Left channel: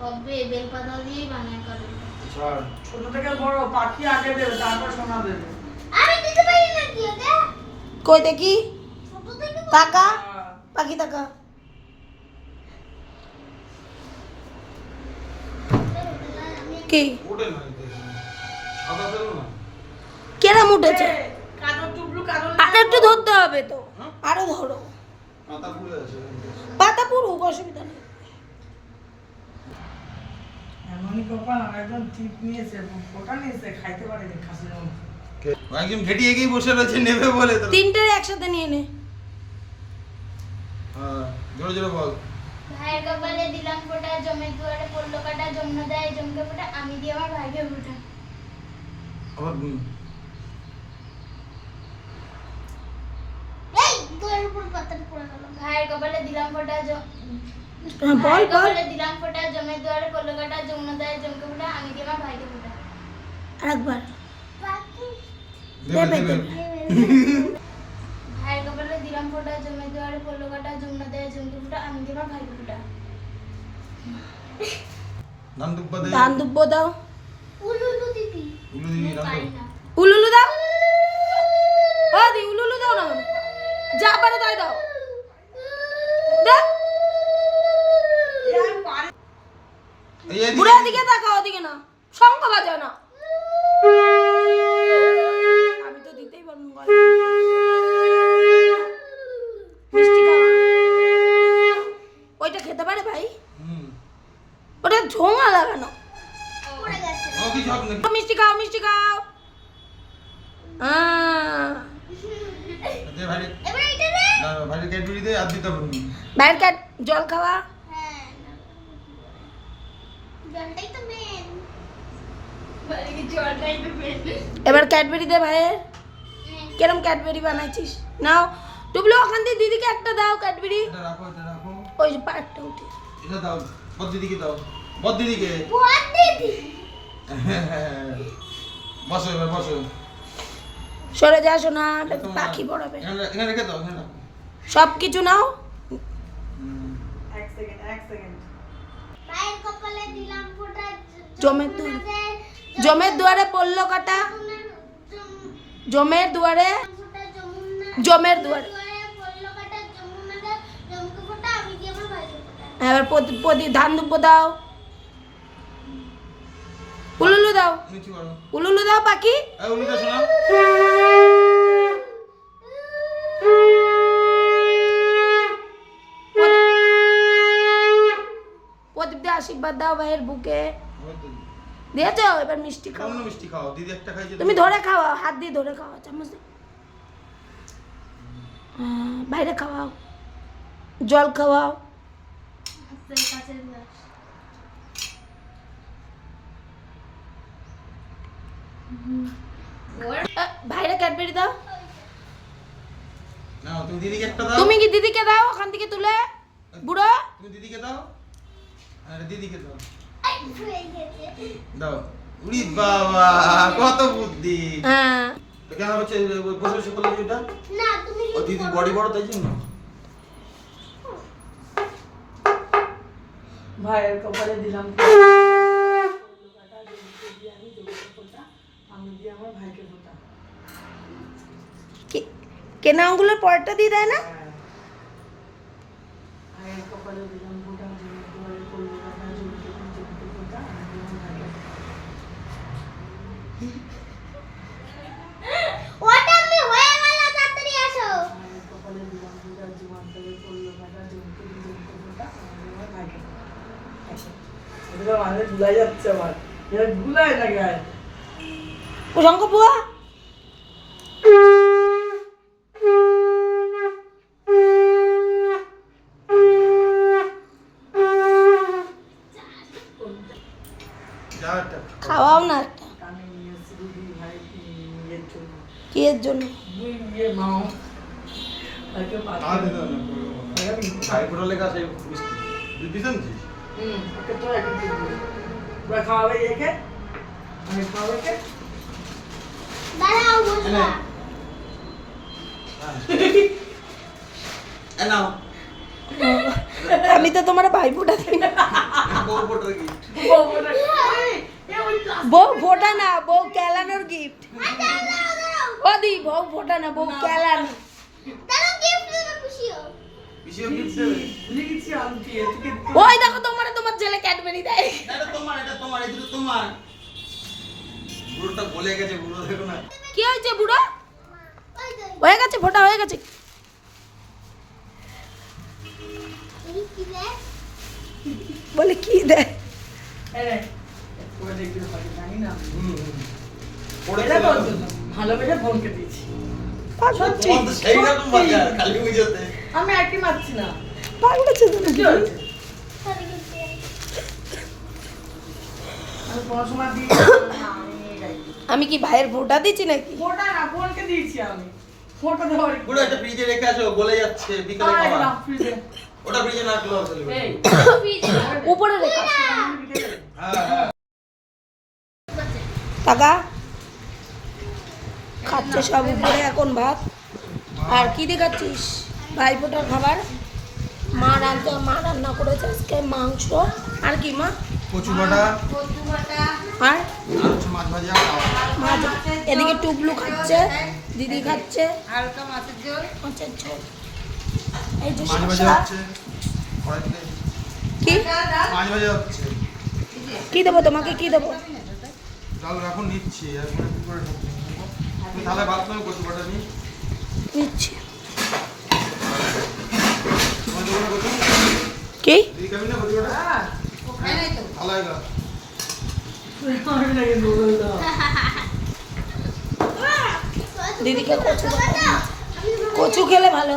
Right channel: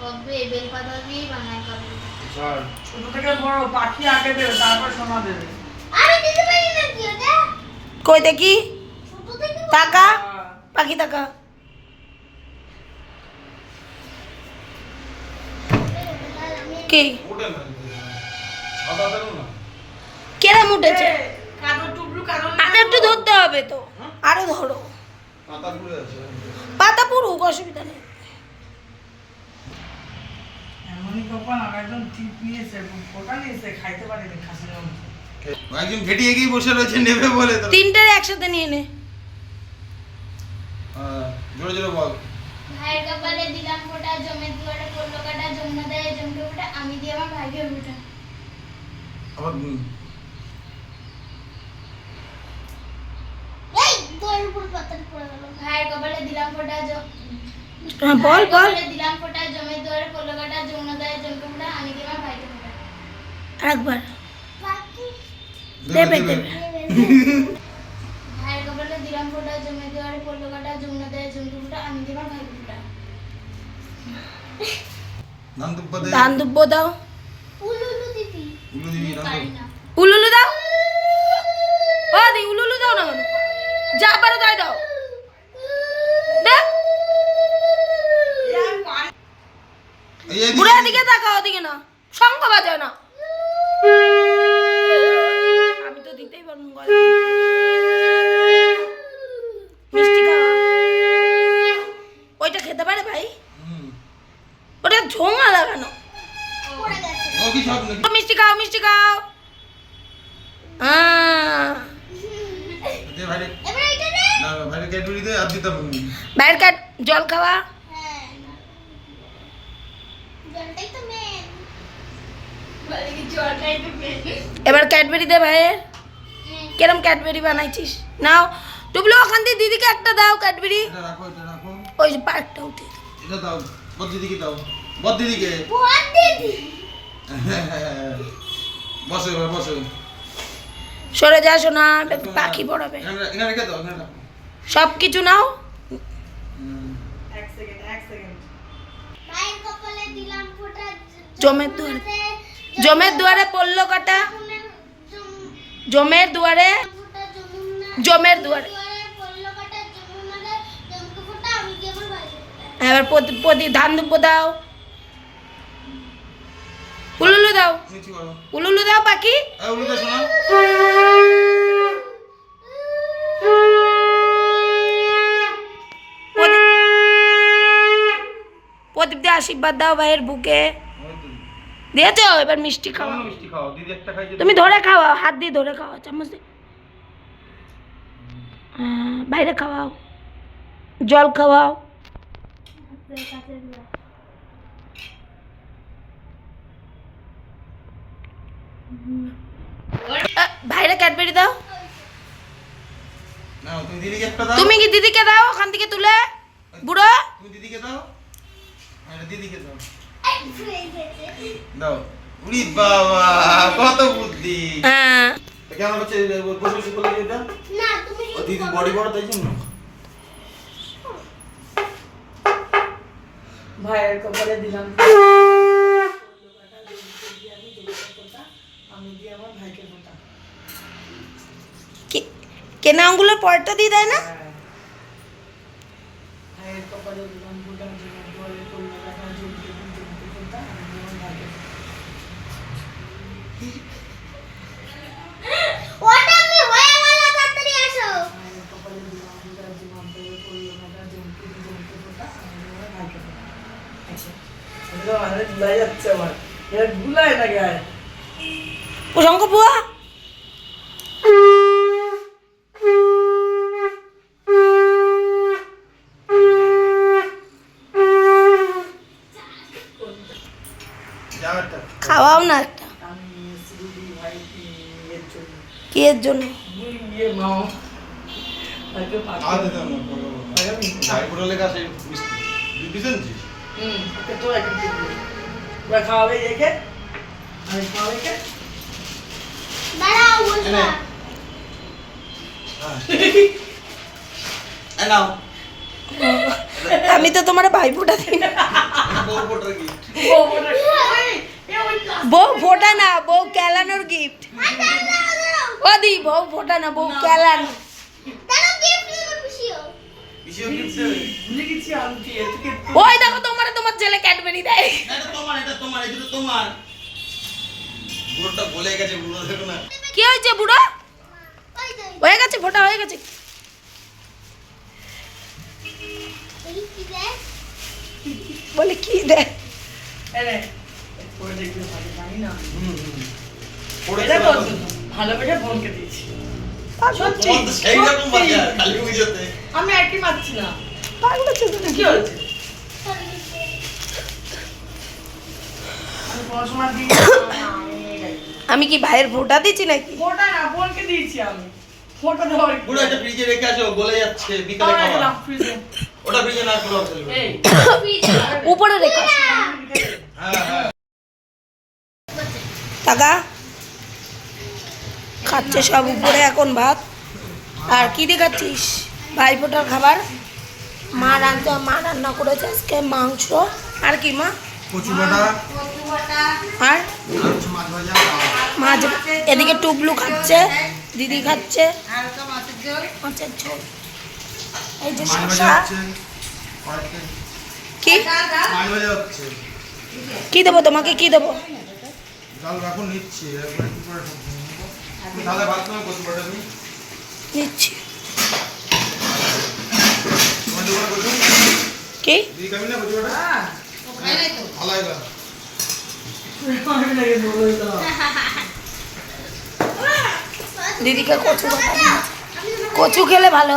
কবে? বেলপাতা দিয়ে বানায় কবে? ছাড় ছোট থেকে বড় পাখি আগে দেবে তারপর সোনা দেবে। আমি দিতে পারি না কি ওটা কই দেখি? ছোট টাকা। পাখি টাকা। কি? কেরাম উঠেছে। আর একটু ধরতে হবে তো। আরও ধরো। পাতা পুরুক অসুবিধা নেই। এমনই কপাল একদম টিপ নিয়েছে ফোটা নিয়েছে খাইতে পারেনি খাসির মাংস। একজন ভেটি এগিয়ে বসে রয়েছে নেবে বলে তো। তিনটের একসাথে নিয়ে নে। জোরে জোরে বল। ভাইয়ের কপালে দিলাম ফোটা জমের দুয়ারে পড়ল কাটা যমুনা দেয় জমকে ফোটা আমি দিয়ে আমার ভাইকে ফোটা। আবার। এই দোয়ের উপর পাতাটা পড়ে গেল। ভাইয়ের কপালে দিলাম ফোটা হ্যাঁ, বল বল। দিলাম ফোটা জমের দুয়ারে পড়ল কাটা যমুনা দেয় জমকে ফোটা আমি দিয়ে আমার ভাইকে ফোটা। আরেকবার দেবে, দেবে দেবে। দেবে ভাইয়ের কপালে দিলাম ফোটা জমের দুয়ারে পড়ল কাটা যমুনা দেয় জমকে ফোটা আমি দিয়ে ভাইকে ফোটা। ধান দুব্বা দে। ধান দুব্বো দাও। উলুলু দিদি। উলুলু দাও। ও দি উলুলু দাও না যা পারো তাই দাও। দেখ। এই এদিকে- তাকাও ওদিকে না শঙ্খ বাজায় না আমি তো দিতেই পারব না গলায়। মিষ্টি খাওয়া ওইটা খেতে পারে ভাই? ওটা ঝোঙা লাগানো। মিষ্টি খাও মিষ্টি খাও। আহ, দে ভাই। এবার ক্যাডবেরি দে ভাইয়ের। কেরম ক্যাডবেরি বানাইছিস? নাও। টুবলু ওখান দিয়ে দিদিকে একটা দাও ক্যাডবেরি। এটা রাখো, এটা রাখো। ওই যে পার্কটা উঠে। এটা দাও, বদ দিদিকে দাও। বদ দিদিকে। বল দিদি। বসো এবার, বসো। সরে যা শোনা পাখি পড়াবে। এখানে এখানে রেখে দাও, এখানে সব কিছু নাও হুম। এক সেকেন্ড এক সেকেন্ড মায়ের কপালে দিলাম ফোঁটা জমের দুয়ারে জমের দুয়ারে পড়ল কাটা? জমের দুয়ারে জমের দুয়ারে। এবার প্রতি ধান দুব্বো দাও। উলুলু দাও। উলুলু দাও পাখি। প্রদীপ দিয়ে আশীর্বাদ দাও ভাইয়ের বুকে। ওই তো। এবার মিষ্টি খাওয়া মিষ্টি খাও? দিদি একটা খাইছে। তুমি ধরে খাওয়াও হাত দিয়ে ধরে খাওয়াও চামচ দিয়ে বাইরে খাওয়াও জল খাওয়াও বাইরে ক্যাডবেরি দাও। তুমি কি দিদিকে দাও ওখান থেকে তুলে বুড়ো তুমি দিদিকে দাও। আর এটা দিদিকে দাও। আই ফুলে গেছে দাও। উরি বাবা, কত বুদ্ধি। হ্যাঁ কেমন হচ্ছে? বসে বসে করলে কি না তুমি দিদি বডি বড় তাই জন্য ভাইয়ের কপালে দিলাম কেনা আঙ্গুলের পরটা দিয়ে দেয় না হ্যাঁ। ভাইয়ের কপালে দিলাম ফোটা জমে দুয়ারে করল কাটা জমকে জমকে ফোটা আমি দিয়ে আমার ভাইকে ফোটা ওটা আমি হয়ে গেল তাড়াতাড়ি আসো ভাইয়ের কপালে দিলাম ফোটা জমা করে করল কাটা জমকে জমকে ফোটা আমি দিয়ে আমার ভাইকে ফোটা ভুলাই যাচ্ছে আমার। এটা না গায়ে। প্রসঙ্গ বুয়া খাওয়াও না একটা। কি এর জন্য? দুই। পিস আনছিস? হুম তো খাওয়াবে একে আমি খাওয়াবে কে? দাঁড়াও এনে। বসো হ্যাঁ। আমি তো তোমার ভাই ফোটা দিই। না। বউ ফোটা না বউ কেলানোর গিফট ও দি বউ ফোটা না বউ কেলান। ওই দেখো তোমার ছেলে ক্যাডবেরি দেয় এটা তোমার, এটা তোমার, এই দুটো তোমার। বুড়োটা বলে গেছে, বুড়ো দেখো না। কি হয়েছে বুড়ো হয়ে গেছে ফোটা হয়ে গেছে বলে কি দেয়। ভালোবেসে বোনকে দিয়েছি সত্যি তোমার তো সেই রকম সত্যি। বাজার, কালী পুজোতে। আমি একই মারছি না পাগলেছে কি হয়েছে আমি কি ভাইয়ের ফোটা দিচ্ছি নাকি? ফোটা না বোনকে দিয়েছি আমি। দেওয়ার ফ্রিজে রেখে আসো, গলে যাচ্ছে, বিকালে তাও খাওয়া। ওটা ফ্রিজে না চলবে। উপরে রেখো। হ্যাঁ, হ্যাঁ। টাকা খাচ্ছে সব উপরে এখন ভাত। আর কি দেখাচ্ছিস ভাই ফোটার খাবার? মা রান্না মা রান্না করেছে আজকে মাংস। আর কি মা? আর মাছ এদিকে টুবলু খাচ্ছে দিদি খাচ্ছে। মাছের ঝোল। এই যে শসা। কি। কি দেবো তোমাকে? কি দেবো? নিচ্ছি, কি? দিদিকে কচু কচু খেলে ভালো।